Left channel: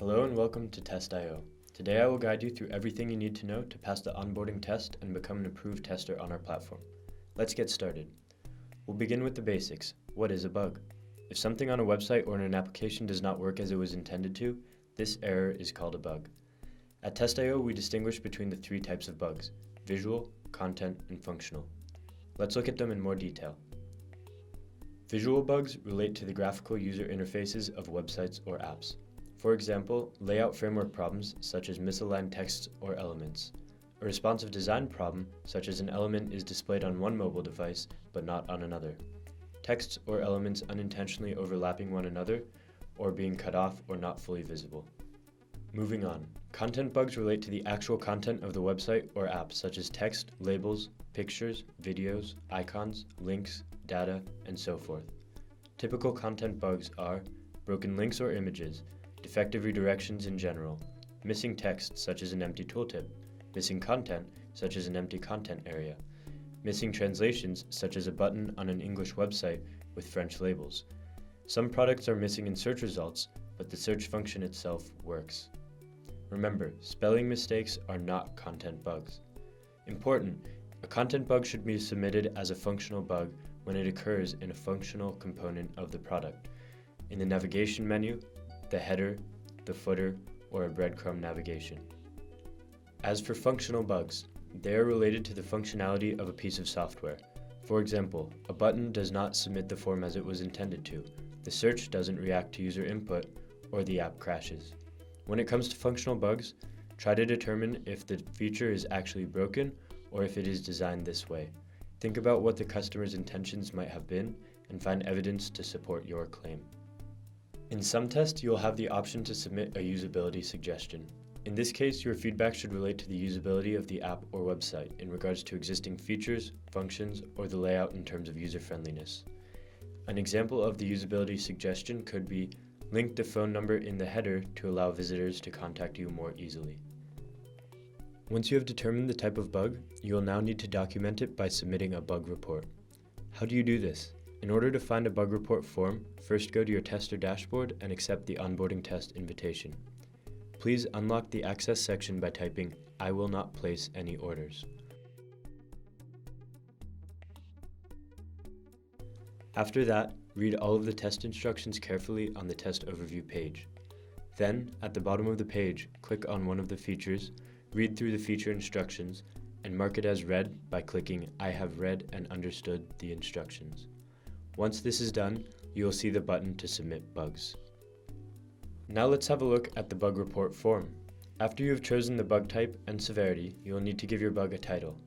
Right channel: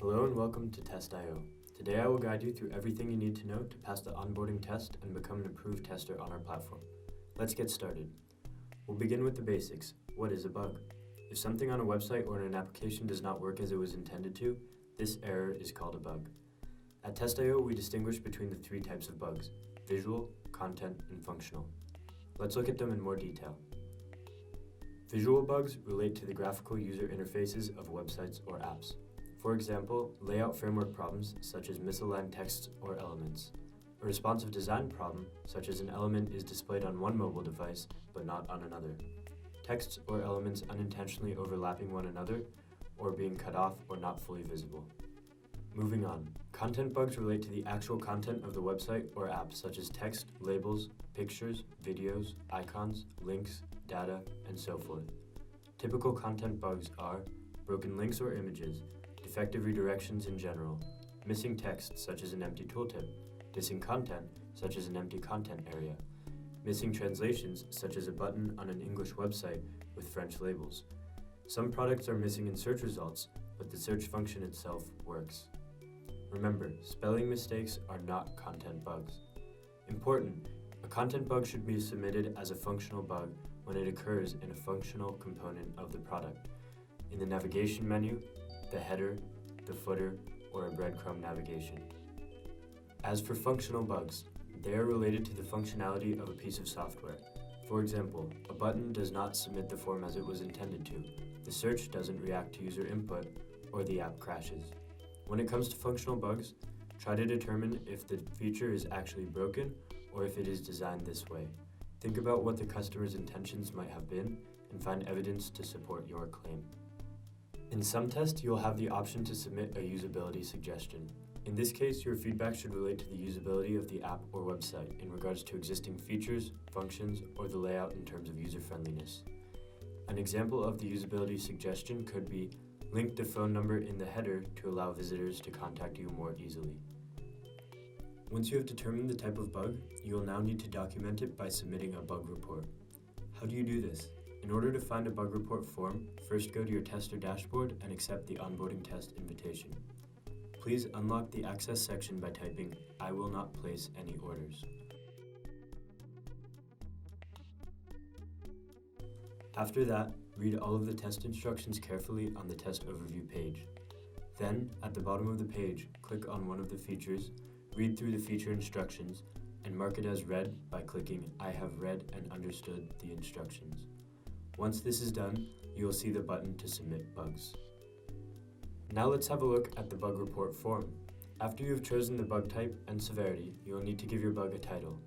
Hello and welcome to Test.io. Today I will guide you through everything you need to know to pass the onboarding test and become an approved tester on our platform. Let's get started. We'll begin with the basics. What is a bug? If something on a website or in an application does not work as it was intended to, this error is called a bug. At Test.io, we distinguish between the three types of bugs: visual, content, and functional. Let's look at them in more detail. Visual bugs relate to the graphical user interfaces of websites or apps. For example, layout framework problems such as misaligned text or elements. A responsive design problem, such as an element is displayed on one mobile device but not on another. Text or elements unintentionally overlapping one another or being cut off or not fully visible. Moving on, content bugs relate to the actual content of the website or app, such as text, labels, pictures, videos, icons, links, data, and so forth. Typical content bugs are broken links or images, defective redirections in general, missing text such as an empty tooltip, missing content such as an empty content area, missing translations such as a button on an English website with French labels. Some products are missing in search results, but the search function itself works. Remember, spelling mistakes are not content bugs. Important, a content bug should be submitted as a functional bug when it occurs in a functional component of the product, in the navigation menu, the header, the footer, or a breadcrumb navigation. As for functional bugs, they are related to the functionality of a piece of software. For example, a button does not submit the form as it was intended to, the search doesn't react to user input, or the app crashes. When it comes to functional bugs, try to determine if the feature is actually broken or if it is designed this way. Think about what the customer's intentions might have been and find evidence to support your claim. In some tests, you'll have the option to submit a usability suggestion. In this case, your feedback should relate to the usability of the app or website in regards to existing features, functions, or the layout in terms of user-friendliness. An example of the usability suggestion could be link the phone number in the header to allow visitors to contact you more easily. Once you have determined the type of bug, you will now need to document it by submitting a bug report. How do you do this? In order to find a bug report form, first go to your tester dashboard and accept the onboarding test invitation. Please unlock the access section by typing, "I will not place any orders." After that, read all of the test instructions carefully on the test overview page. Then, at the bottom of the page, click on one of the features, read through the feature instructions, and mark it as read by clicking "I have read and understood the instructions." Once this is done, you will see the button to submit bugs. Now let's have a look at the bug report form. After you have chosen the bug type and severity, you will need to give your bug a title.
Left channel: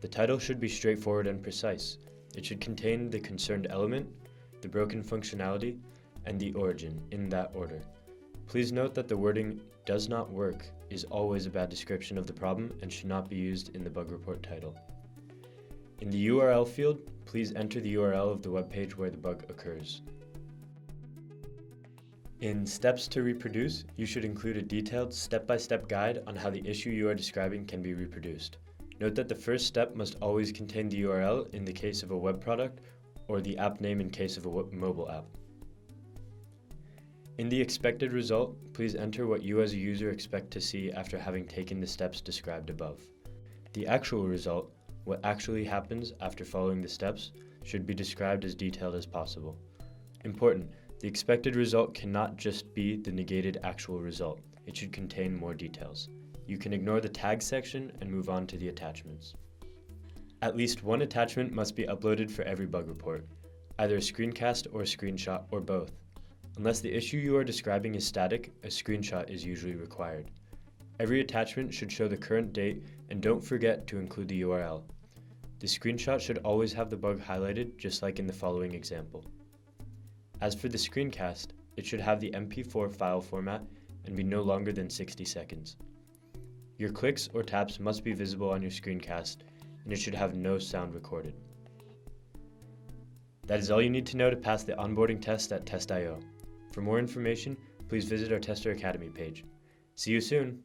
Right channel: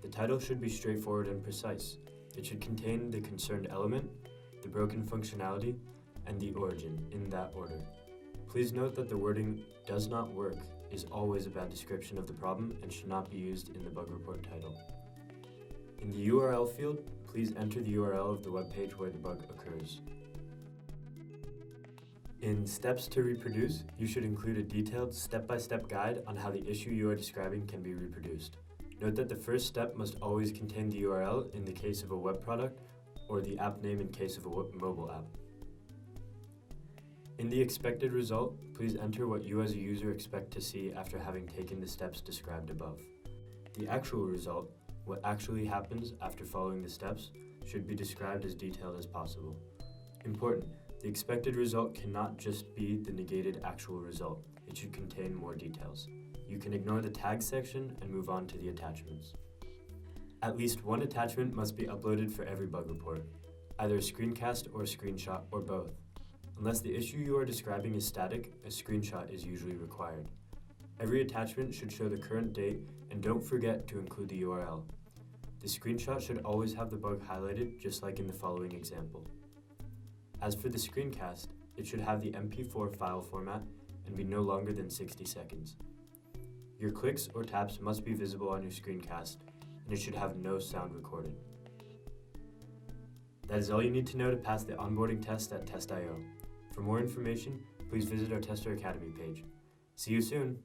The title should be straightforward and precise. It should contain the concerned element, the broken functionality, and the origin, in that order. Please note that the wording "does not work" is always a bad description of the problem and should not be used in the bug report title. In the URL field, please enter the URL of the web page where the bug occurs. In Steps to Reproduce, you should include a detailed step-by-step guide on how the issue you are describing can be reproduced. Note that the first step must always contain the URL in the case of a web product or the app name in case of a mobile app. In the expected result, please enter what you as a user expect to see after having taken the steps described above. The actual result, what actually happens after following the steps, should be described as detailed as possible. Important, the expected result cannot just be the negated actual result. It should contain more details. You can ignore the tag section and move on to the attachments. At least one attachment must be uploaded for every bug report, either a screencast or a screenshot or both. Unless the issue you are describing is static, a screenshot is usually required. Every attachment should show the current date, and don't forget to include the URL. The screenshot should always have the bug highlighted, just like in the following example. As for the screencast, it should have the MP4 file format and be no longer than 60 seconds. Your clicks or taps must be visible on your screencast, and it should have no sound recorded. That is all you need to know to pass the onboarding test at Test.io. For more information, please visit our Tester Academy page. See you soon!